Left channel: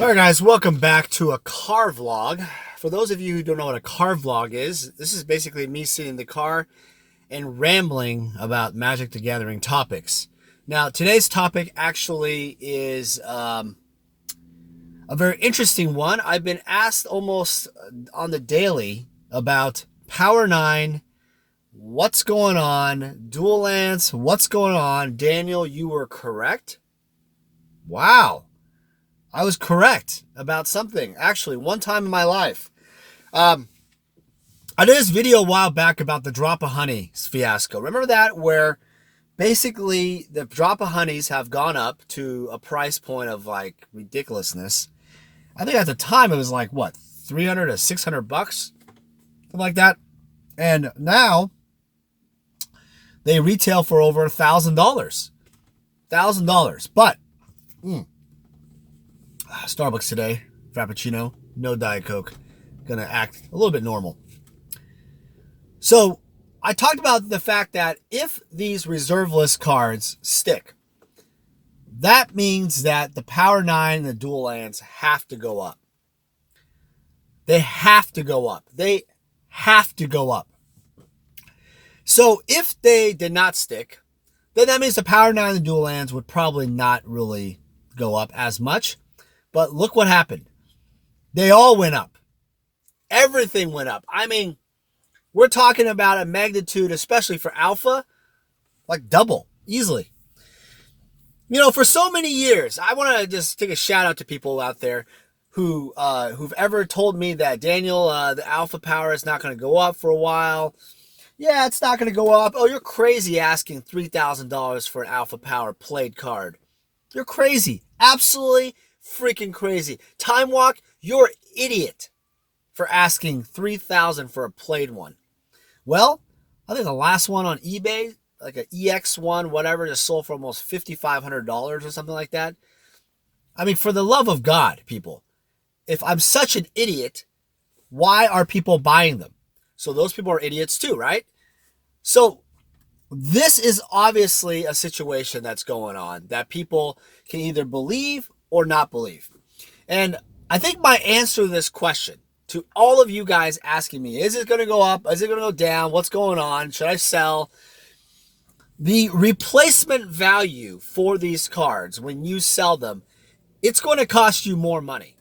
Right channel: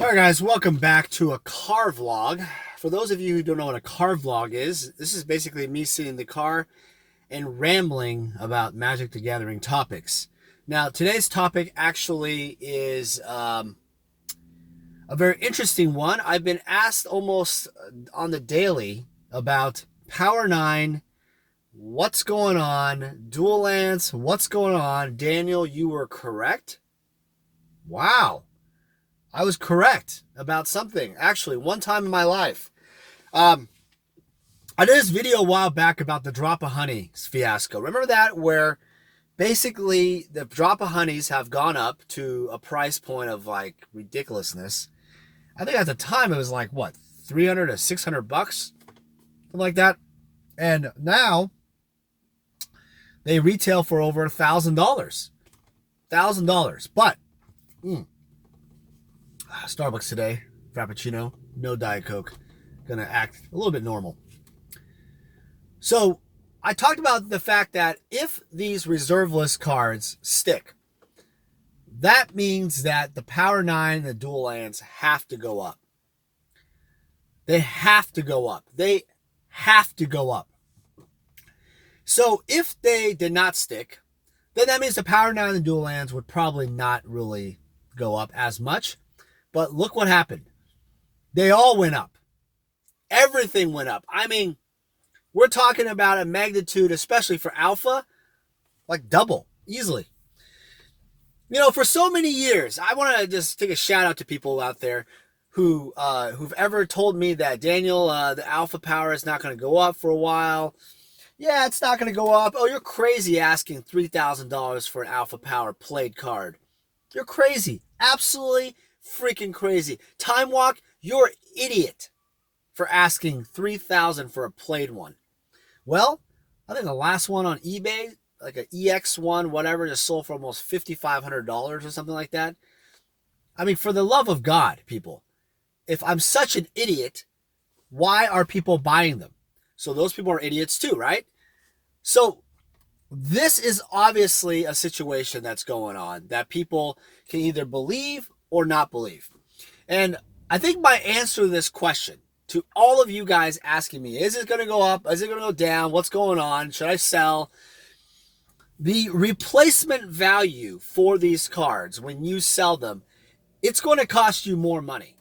All right, guys, welcome back to a car vlog. For those of you who don't know what a car vlog is, this is basically me sitting in the car and rambling about Magic the Gathering topics. Now, today's topic actually is a very interesting one. I've been asked almost on the daily about Power 9, what's going on, Dual Lands, what's going on. Daniel, you were correct. Wow. I was correct about something, actually, one time in my life. I did this video a while back about the Drop of Honeys fiasco. Remember that? Where basically the Drop of Honeys have gone up to a price point of like ridiculousness. I think at the time it was like, what, 300 to 600 bucks? Something like that. And now they retail for over $1,000. $1,000. But, Starbucks today, Frappuccino, no Diet Coke. Gonna act a little bit normal. So I talked about the fact that if these reserve list cards stick, that means that the Power 9 and the Dual Lands have to go up. They have to go up. They have to go up. So if they did not stick, then that means the Power 9 and the Dual Lands would probably not really go up as much. But look what happened. They all went up. Everything went up. I mean, we're talking about a magnitude, especially for alpha, like double, easily. You know, for so many years, I want to just take a shout out to people out there who've ever told me that, Daniel, the alpha power is not going to go up for a while. Yeah, it's not going to go up. Oh, you're crazy asking $3,000 for an alpha power played card. You're crazy. Absolutely freaking crazy. Time Walk, you're an idiot for asking $3,000 for a played one. Well, I think the last one on eBay, like an EX1, whatever, just sold for almost $5,500 or something like that. I mean, for the love of God, people, if I'm such an idiot, why are people buying them? So those people are idiots too, right? So this is obviously a situation that's going on that people can either believe or not believe. And I think my answer to this question, to all of you guys asking me, is it going to go up? Is it going to go down? What's going on? Should I sell? The replacement value for these cards, when you sell them, it's going to cost you more money.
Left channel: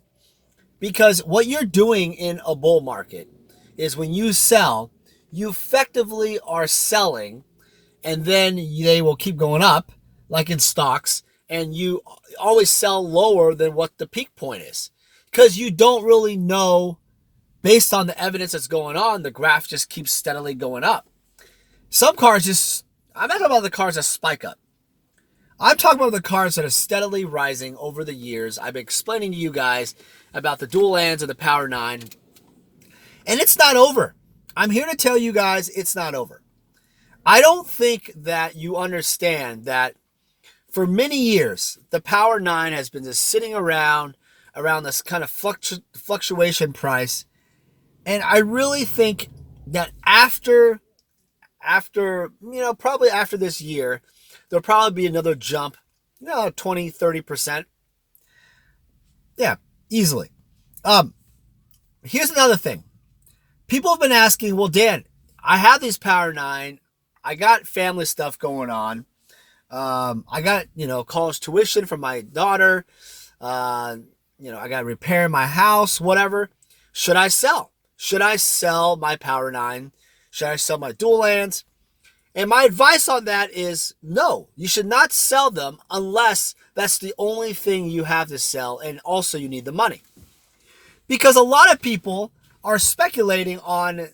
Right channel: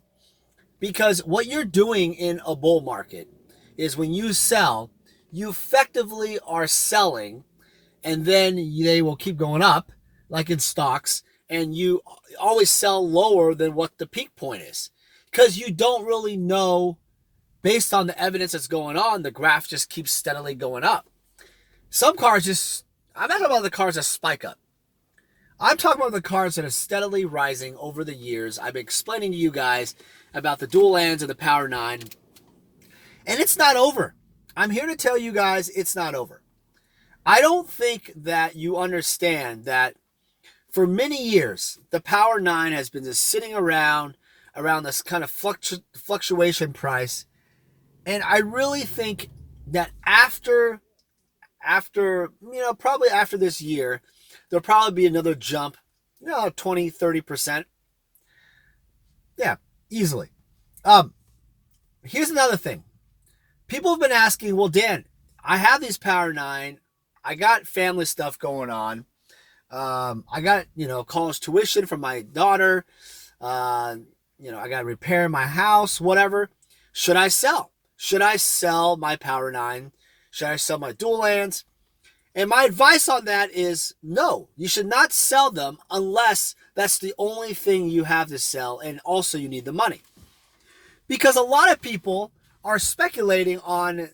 Because what you're doing in a bull market is when you sell, you effectively are selling, and then they will keep going up, like in stocks, and you always sell lower than what the peak point is. Because you don't really know, based on the evidence that's going on, the graph just keeps steadily going up. Some cards just, I'm not talking about the cards that spike up. I'm talking about the cards that are steadily rising over the years. I've been explaining to you guys about the Dual Lands and the Power 9. And it's not over. I'm here to tell you guys it's not over. I don't think that you understand that for many years, the Power 9 has been just sitting around this kind of fluctuation price. And I really think that after, probably after this year, there'll probably be another jump, 20, 30%. Yeah, easily. Here's another thing. People have been asking, well, Dan, I have these Power 9. I got family stuff going on. I got, college tuition for my daughter. I got to repair my house, whatever. Should I sell? Should I sell my Power 9? Should I sell my Dual Lands? And my advice on that is no, you should not sell them unless that's the only thing you have to sell, and also you need the money. Because a lot of people are speculating on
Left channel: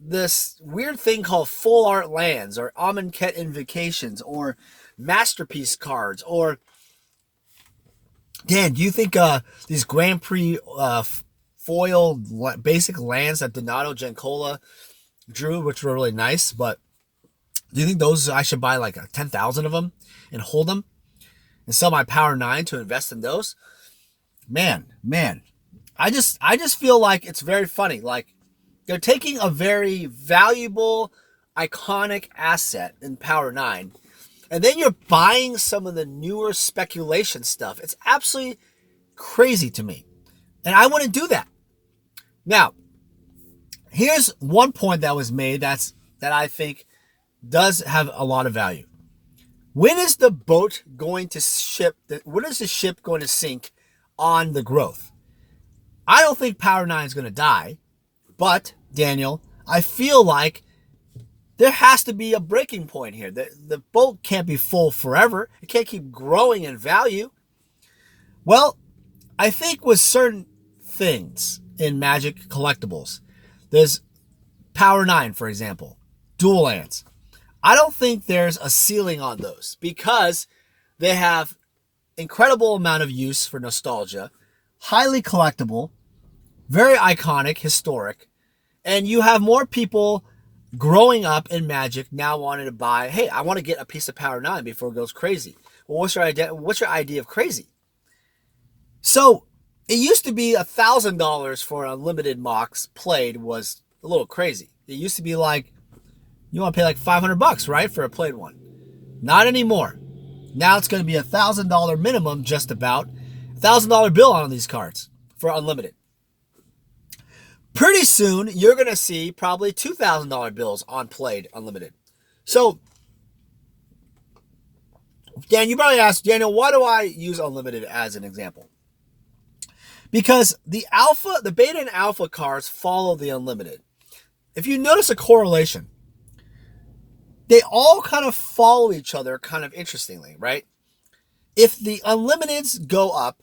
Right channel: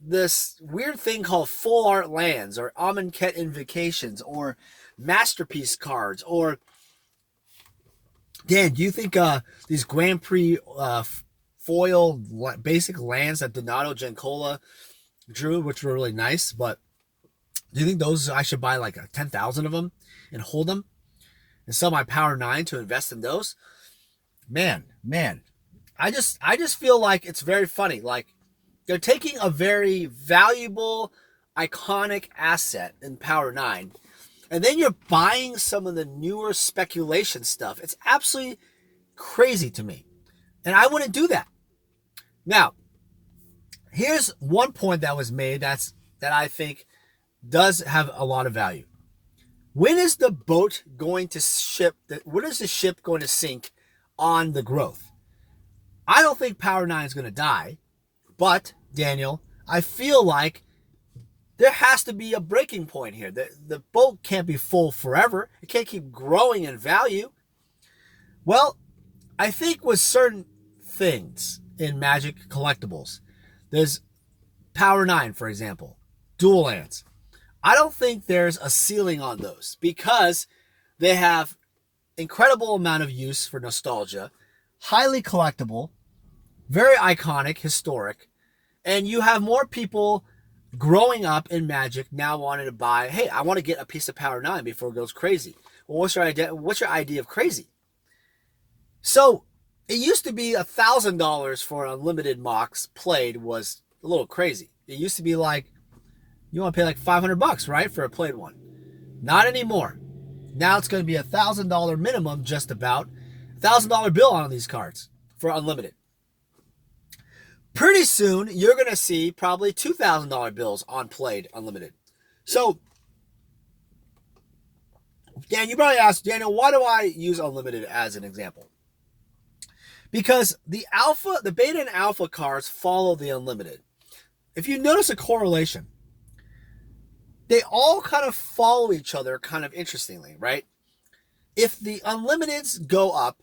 this weird thing called full art lands, or Amonkhet Invocations, or masterpiece cards, or Dan, do you think these Grand Prix foil basic lands that Donato Giancola drew, which were really nice, but do you think those I should buy like 10,000 of them and hold them and sell my Power 9 to invest in those? Man, I just feel like it's very funny. Like, they're taking a very valuable, iconic asset in Power 9, and then you're buying some of the newer speculation stuff. It's absolutely crazy to me. And I wouldn't do that. Now, here's one point that was made that I think does have a lot of value. When is the boat going to ship? When is the ship going to sink on the growth? I don't think Power 9 is going to die. But, Daniel, I feel like there has to be a breaking point here. The boat can't be full forever. It can't keep growing in value. Well, I think with certain things in Magic collectibles, there's Power 9, for example, dual lands. I don't think there's a ceiling on those because they have incredible amount of use for nostalgia, highly collectible, very iconic, historic, and you have more people growing up in Magic now wanting to buy, hey, I want to get a piece of Power 9 before it goes crazy. Well, what's your idea of crazy? So it used to be $1,000 for an unlimited MOX played was a little crazy. It used to be like, you want to pay like $500, right, for a played one. Not anymore. Now it's going to be $1,000 minimum, just about. $1,000 bill on these cards for unlimited. Pretty soon, you're going to see probably $2,000 bills on played unlimited. So, Dan, you probably asked, Daniel, why do I use unlimited as an example? Because the beta and alpha cards follow the unlimited. If you notice a correlation, they all kind of follow each other kind of interestingly, right? If the unlimiteds go up,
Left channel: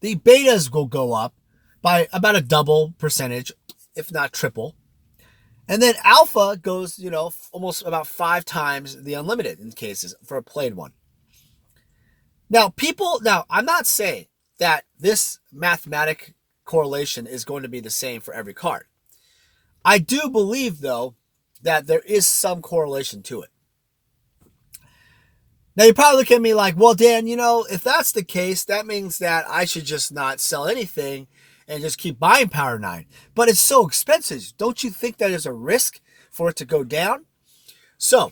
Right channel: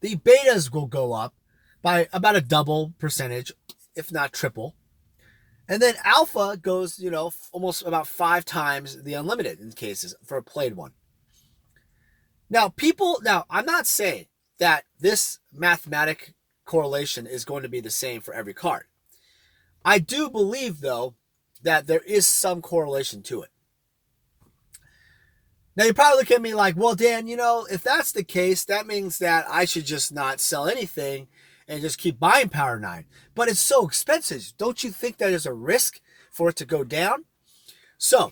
the betas will go up by about a double percentage, if not triple. And then alpha goes, almost about 5 times the unlimited in cases for a played one. Now, I'm not saying that this mathematic correlation is going to be the same for every card. I do believe, though, that there is some correlation to it. Now, you probably look at me like, well, Dan, if that's the case, that means that I should just not sell anything and just keep buying Power 9. But it's so expensive. Don't you think that there's a risk for it to go down? So,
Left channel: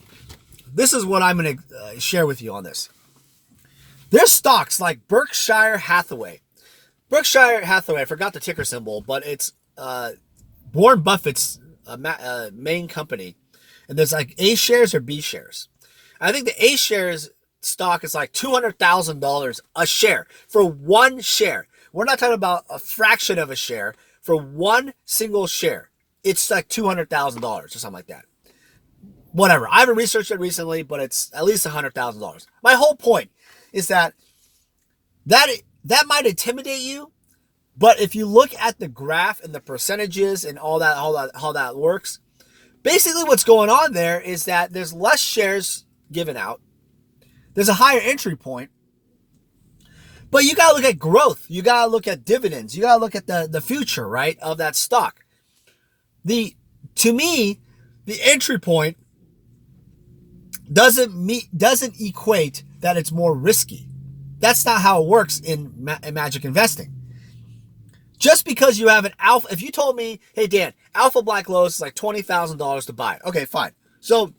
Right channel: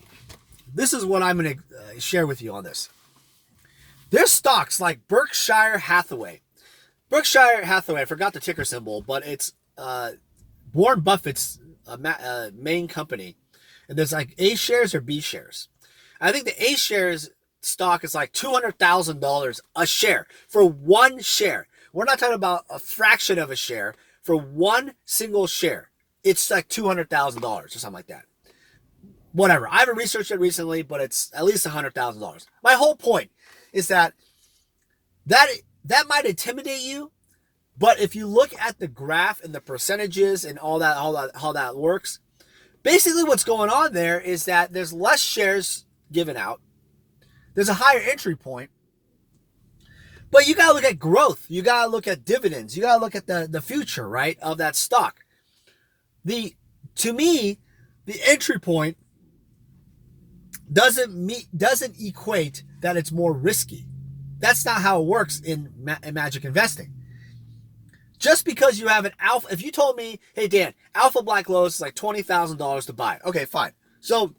this is what I'm going to share with you on this. There's stocks like Berkshire Hathaway. Berkshire Hathaway, I forgot the ticker symbol, but it's Warren Buffett's main company. And there's like A shares or B shares. I think the A shares stock is like $200,000 a share for one share. We're not talking about a fraction of a share. For one single share, it's like $200,000 or something like that. Whatever. I haven't researched it recently, but it's at least $100,000. My whole point is that might intimidate you, but if you look at the graph and the percentages and all that, how that works, basically what's going on there is that there's less shares given out. There's a higher entry point. But you got to look at growth. You got to look at dividends. You got to look at the future, right, of that stock. To me, the entry point doesn't equate that it's more risky. That's not how it works in Magic investing. Just because you have an alpha, if you told me, hey, Dan, Alpha Black Lotus is like $20,000 to buy. Okay, fine. So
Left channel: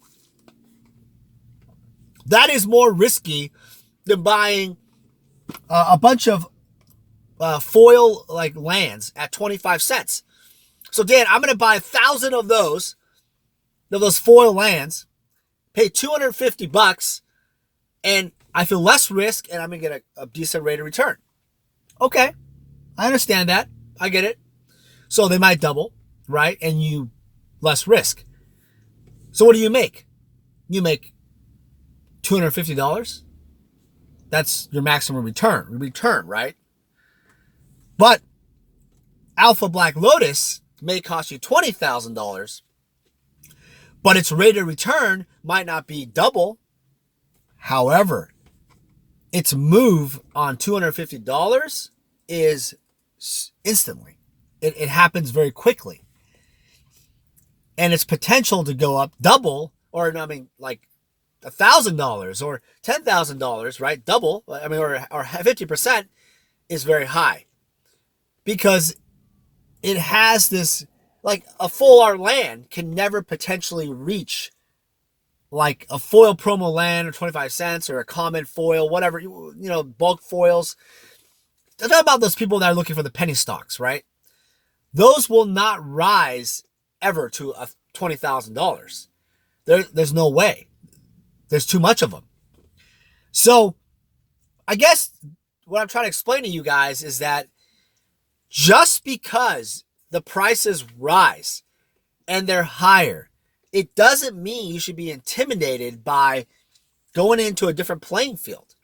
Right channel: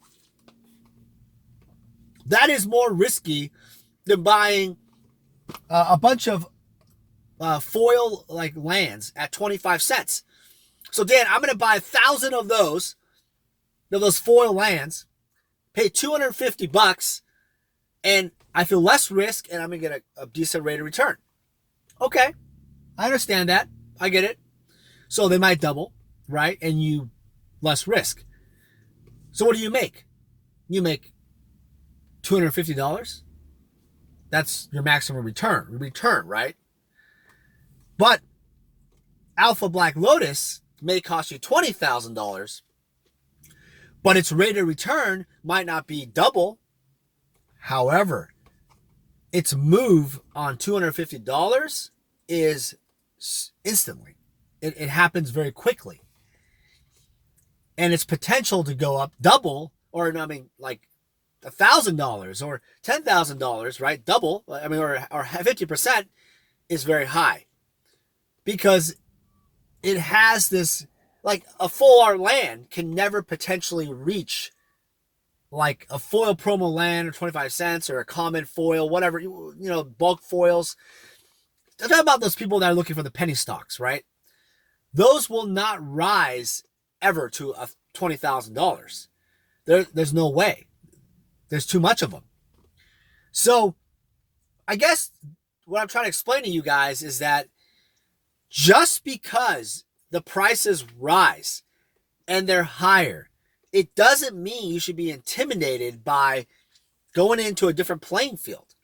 that is more risky than buying a bunch of foil like lands at 25 cents. So Dan, I'm going to buy 1,000 of those foil lands, pay $250, and I feel less risk, and I'm going to get a decent rate of return. Okay, I understand that. I get it. So they might double, right? And you less risk. So what do you make? You make $250. That's your maximum return, right? But Alpha Black Lotus may cost you $20,000, but its rate of return might not be double. However, its move on $250 is instantly. It happens very quickly. And its potential to go up double, or like $1,000 or $10,000, right? Double, or 50% is very high. Because it has this, like a full art land can never potentially reach like a foil promo land or 25 cents or a common foil, whatever, bulk foils. I'm talking about those people that are looking for the penny stocks, right? Those will not rise ever to $20,000. There's no way. There's too much of them. So I guess what I'm trying to explain to you guys is that just because the prices rise and they're higher, it doesn't mean you should be intimidated by going into a different playing field.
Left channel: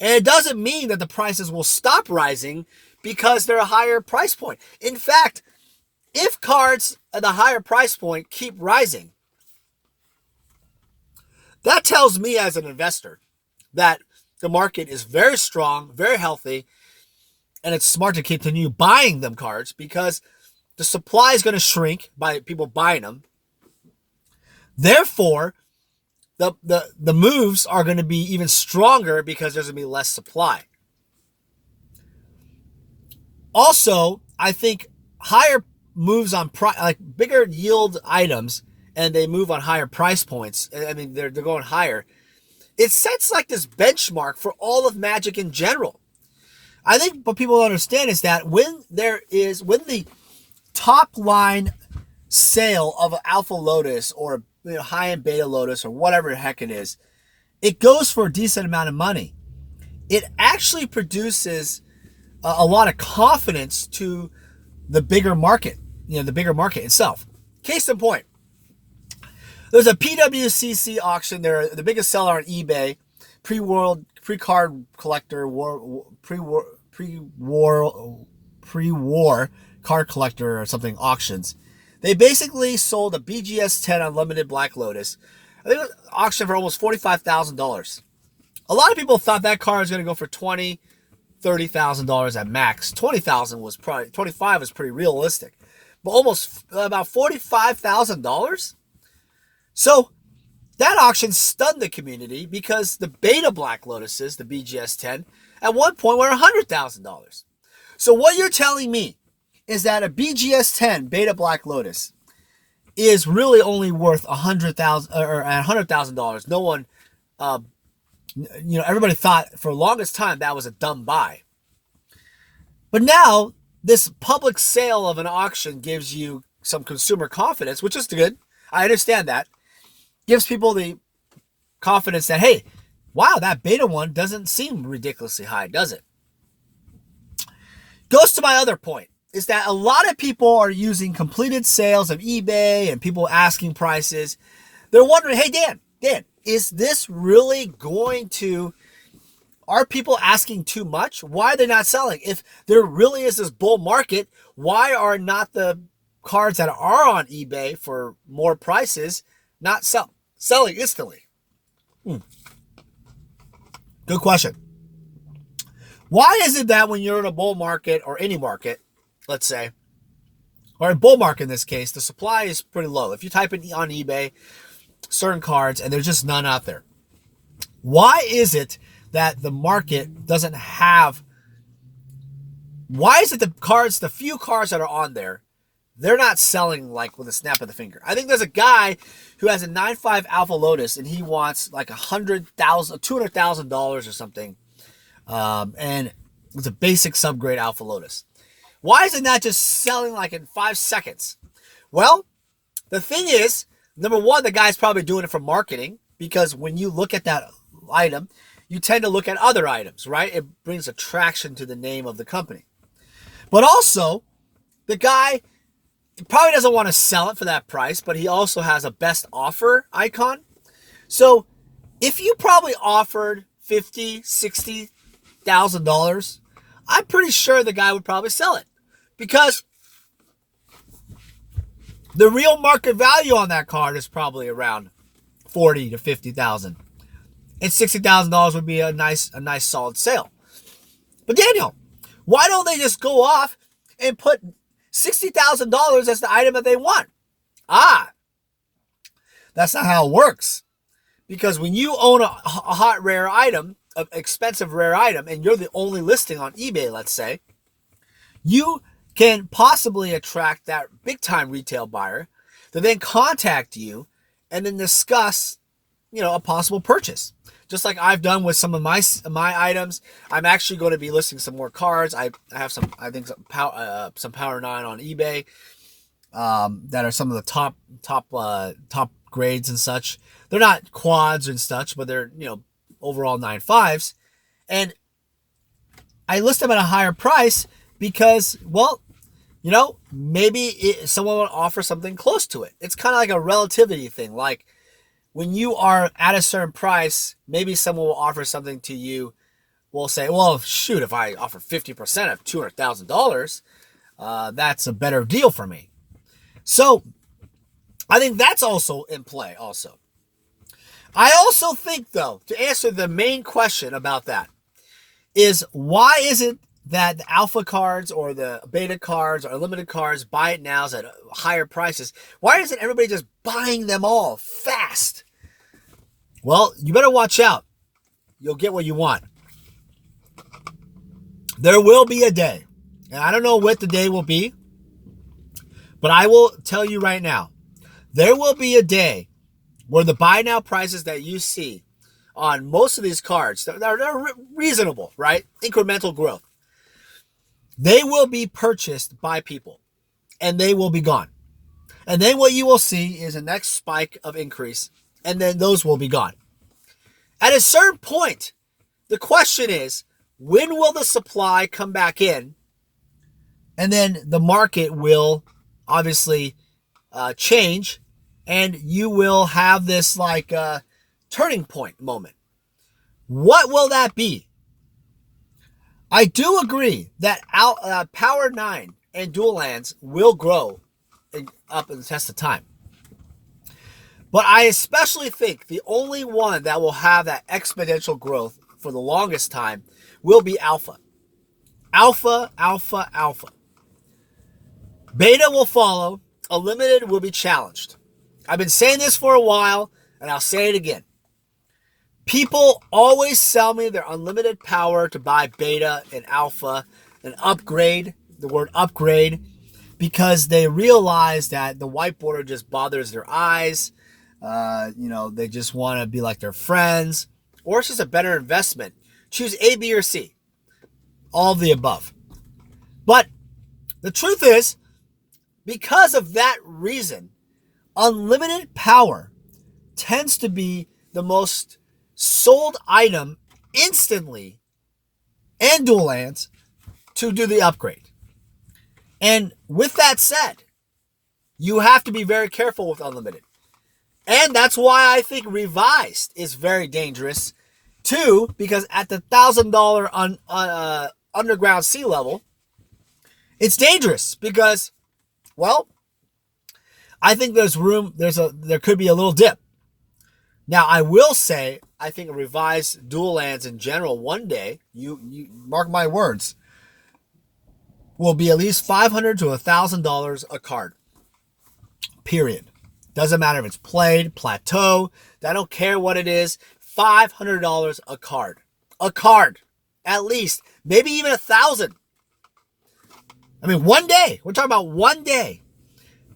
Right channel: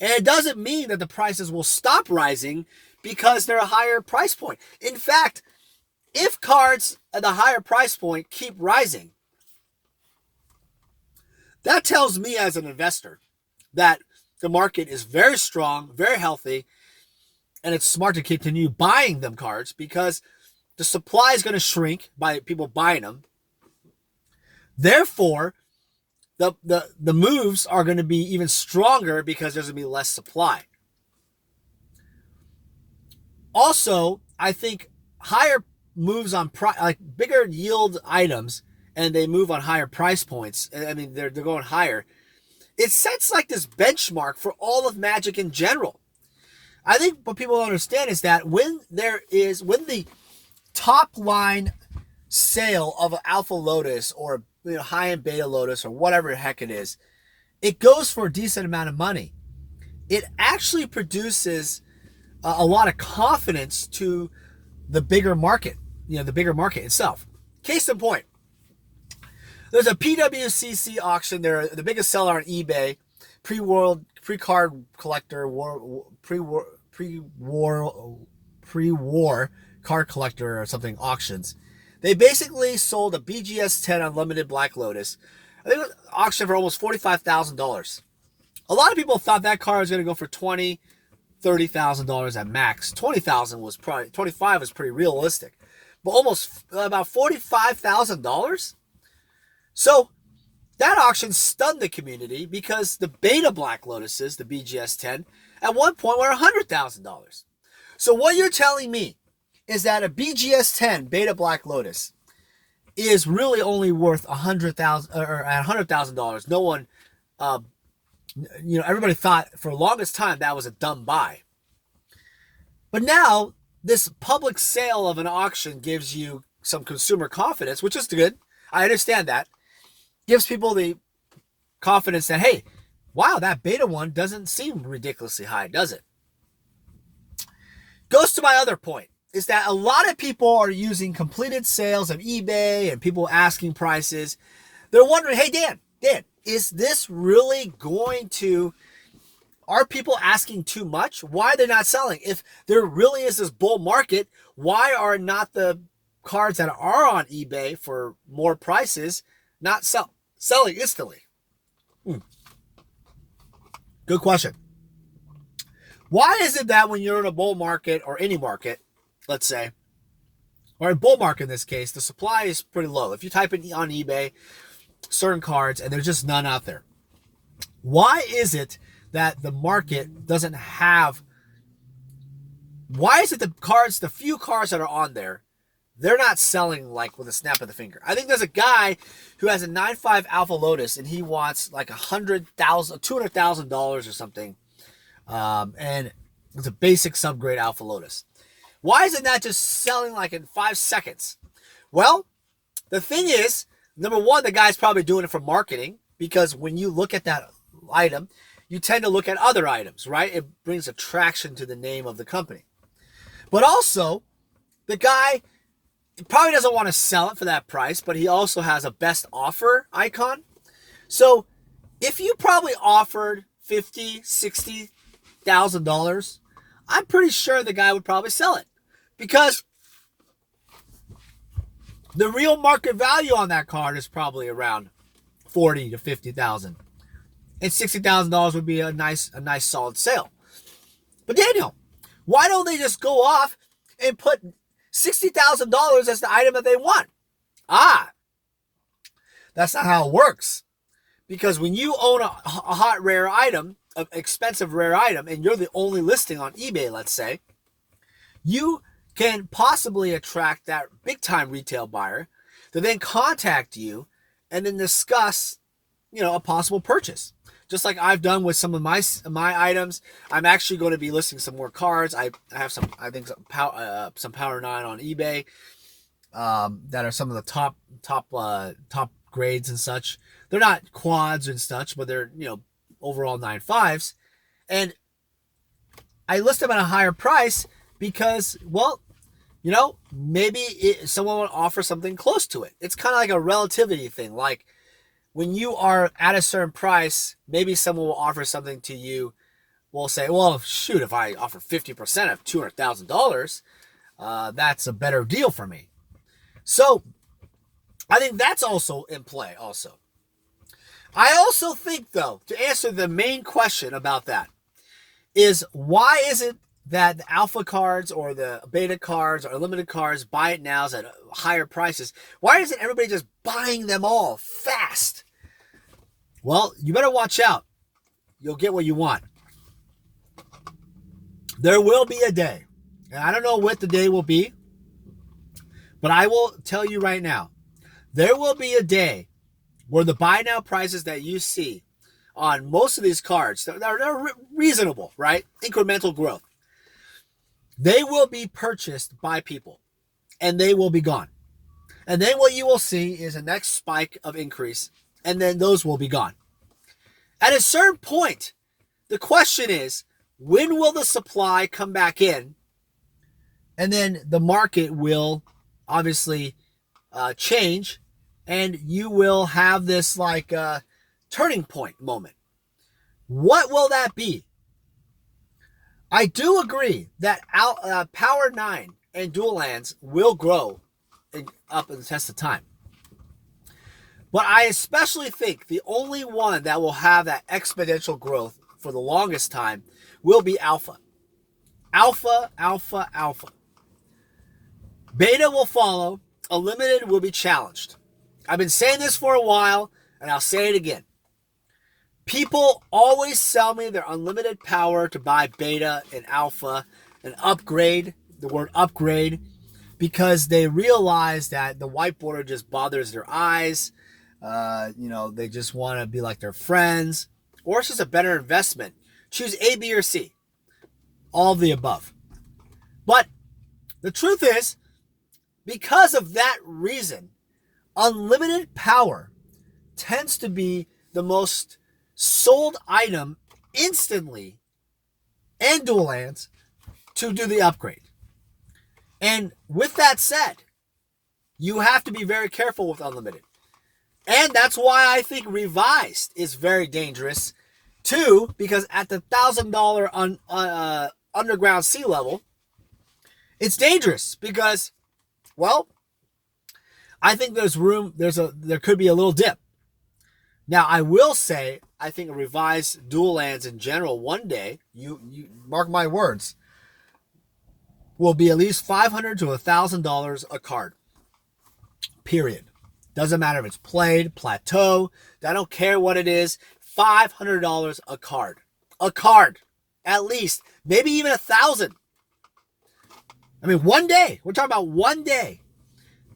And it doesn't mean that the prices will stop rising because they're a higher price point. In fact, if cards at the higher price point keep rising, that tells me as an investor that the market is very strong, very healthy, and it's smart to continue buying them cards because the supply is going to shrink by people buying them. Therefore, the moves are going to be even stronger because there's going to be less supply. Also, I think higher moves on like bigger yield items, and they move on higher price points. I mean, they're going higher. It sets like this benchmark for all of Magic in general. I think what people don't understand is that when the top line sale of an Alpha Lotus or high-end Beta Lotus or whatever the heck it is, it goes for a decent amount of money. It actually produces a lot of confidence to the bigger market, the bigger market itself. Case in point, there's a PWCC auction. They're the biggest seller on eBay, pre-card collector, pre-war card collector or something auctions. They basically sold a BGS 10 Unlimited Black Lotus. I think it was auctioned for almost $45,000. A lot of people thought that card was going to go for $20,000, $30,000 at max. $20,000 was probably, $25,000 was pretty realistic, but almost about $45,000. So that auction stunned the community because the Beta Black Lotuses, the BGS 10, at one point were $100,000. So what you're telling me is that a BGS 10 Beta Black Lotus is really only worth $100,000 or at $100,000. No one, everybody thought for the longest time that was a dumb buy. But now this public sale of an auction gives you some consumer confidence, which is good. I understand that. Gives people the confidence that, hey, wow, that Beta one doesn't seem ridiculously high, does it? Goes to my other point, is that a lot of people are using completed sales of eBay and people asking prices. They're wondering, hey, Dan, is this really going to, are people asking too much? Why are they not selling? If there really is this bull market, why are not the cards that are on eBay for more prices not selling instantly? Good question. Why is it that when you're in a bull market or any market, let's say, or a bull market in this case, the supply is pretty low? If you type in on eBay certain cards and there's just none out there, why is it that the market doesn't have, why is it the few cards that are on there, they're not selling like with a snap of the finger? I think there's a guy who has a 9.5 Alpha Lotus and he wants like $200,000 or something. And it's a basic subgrade Alpha Lotus. Why isn't that just selling like in 5 seconds? Well, the thing is, number one, the guy's probably doing it for marketing, because when you look at that item, you tend to look at other items, right? It brings attraction to the name of the company. But also, the guy probably doesn't want to sell it for that price, but he also has a best offer icon. So if you probably offered $50,000, $60,000, I'm pretty sure the guy would probably sell it, because the real market value on that card is probably around $40,000 to $50,000, and $60,000 would be a nice solid sale. But Daniel, why don't they just go off and put $60,000 as the item that they want? That's not how it works. Because when you own a hot rare item, an expensive rare item, and you're the only listing on eBay, let's say, you can possibly attract that big time retail buyer to then contact you and then discuss, a possible purchase. just like I've done with some of my items. I'm actually going to be listing some more cards. I have some, I think some Power 9 on eBay that are some of the top grades and such. They're not quads and such, but they're, you know, overall 9.5s. And I list them at a higher price because, well, you know, maybe someone will offer something close to it. It's kind of like a relativity thing. Like when you are at a certain price, maybe someone will offer something to you. Will say, well, shoot, if I offer 50% of $200,000, that's a better deal for me. So I think that's also in play also. I also think, though, to answer the main question about that, is why is it that the alpha cards or the beta cards or limited cards, buy it nows at higher prices? Why isn't everybody just buying them all fast? Well, you better watch out. You'll get what you want. There will be a day, and I don't know what the day will be, but I will tell you right now, there will be a day where the buy now prices that you see on most of these cards, they're reasonable, right? Incremental growth. They will be purchased by people, and they will be gone. And then what you will see is a next spike of increase, and then those will be gone. At a certain point, the question is, when will the supply come back in? And then the market will obviously change, and you will have this like turning point moment. What will that be? I do agree that Power 9 and dual lands will grow up in the test of time. But I especially think the only one that will have that exponential growth for the longest time will be alpha. Alpha, alpha, alpha. Beta will follow. Unlimited will be challenged. I've been saying this for a while, and I'll say it again. People always sell me their unlimited power to buy beta and alpha and upgrade, the word upgrade, because they realize that the white border just bothers their eyes. They just want to be like their friends, or it's just a better investment. Choose A, B, or C. All of the above. But the truth is, because of that reason, unlimited power tends to be the most sold item instantly, and dual lands to do the upgrade. And with that said, you have to be very careful with unlimited. And that's why I think revised is very dangerous too, because at the $1,000 underground sea level, it's dangerous because, well, I think there's room, there could be a little dip. Now, I will say, I think a revised dual lands in general one day, you mark my words, will be at least $500 to $1,000 a card. Period. Doesn't matter if it's played, plateau, I don't care what it is, $500 a card. A card, at least, maybe even 1,000. I mean, one day. We're talking about one day.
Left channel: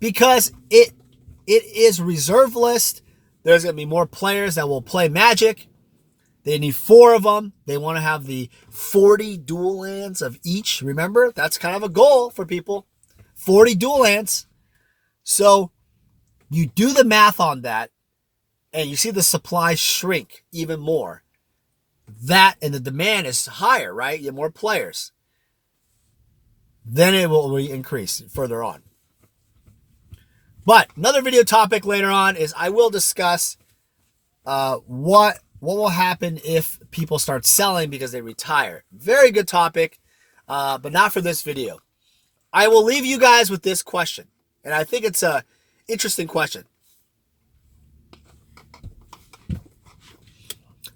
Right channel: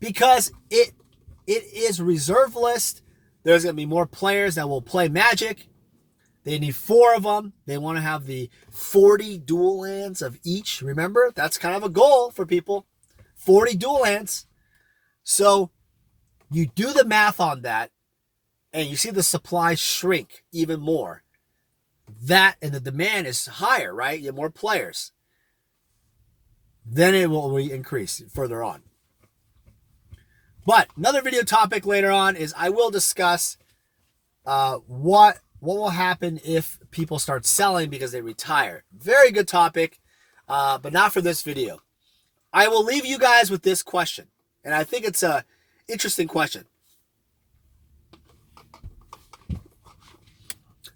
Because it is reserve list. There's going to be more players that will play Magic. They need 4 of them. They want to have the 40 dual lands of each. Remember, that's kind of a goal for people. 40 dual lands. So you do the math on that, and you see the supply shrink even more. That and the demand is higher, right? You have more players. Then it will increase further on. But another video topic later on is I will discuss what will happen if people start selling because they retire. Very good topic, but not for this video. I will leave you guys with this question, and I think it's a interesting question.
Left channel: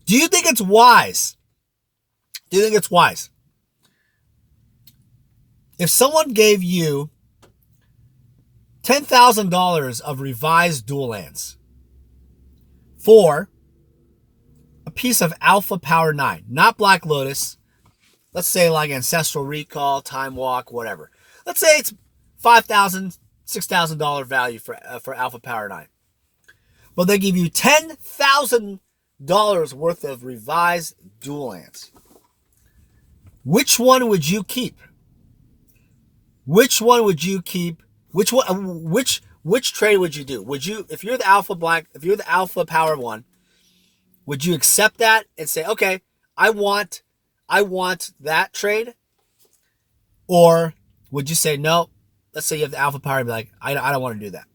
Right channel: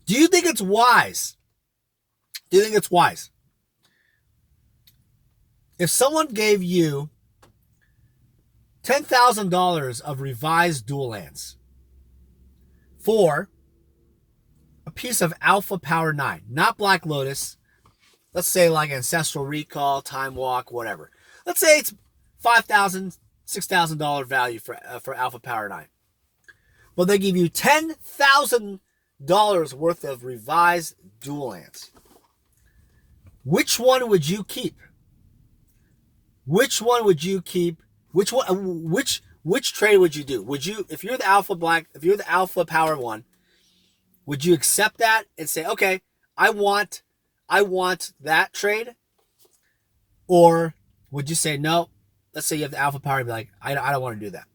Do you think it's wise? Do you think it's wise? If someone gave you $10,000 of revised dual lands for a piece of Alpha Power 9, not Black Lotus, let's say like Ancestral Recall, Time Walk, whatever. Let's say it's $5,000, $6,000 value for Alpha Power 9. But they give you $10,000 worth of revised dual lands. Which one would you keep? Which one would you keep? Which trade would you do? Would you, if you're the alpha power one, would you accept that and say, okay, I want that trade? Or would you say, no, let's say you have the alpha power and be like, I don't want to do that.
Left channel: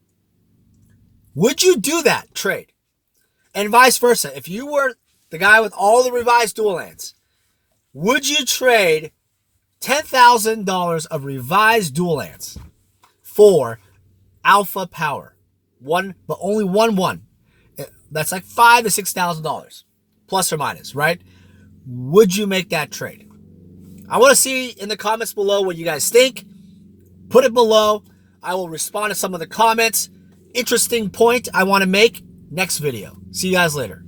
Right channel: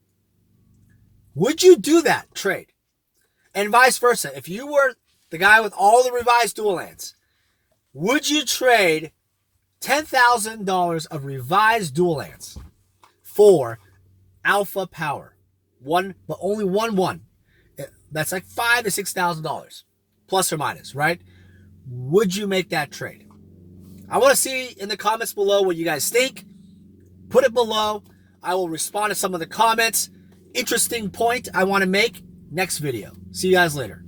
Would you do that trade? And vice versa. If you were the guy with all the revised dual lands, would you trade $10,000 of revised dual lands for alpha power? One, but only one. That's like $5,000 to $6,000 plus or minus, right? Would you make that trade? I want to see in the comments below what you guys think. Put it below. I will respond to some of the comments. Interesting point I want to make next video. See you guys later.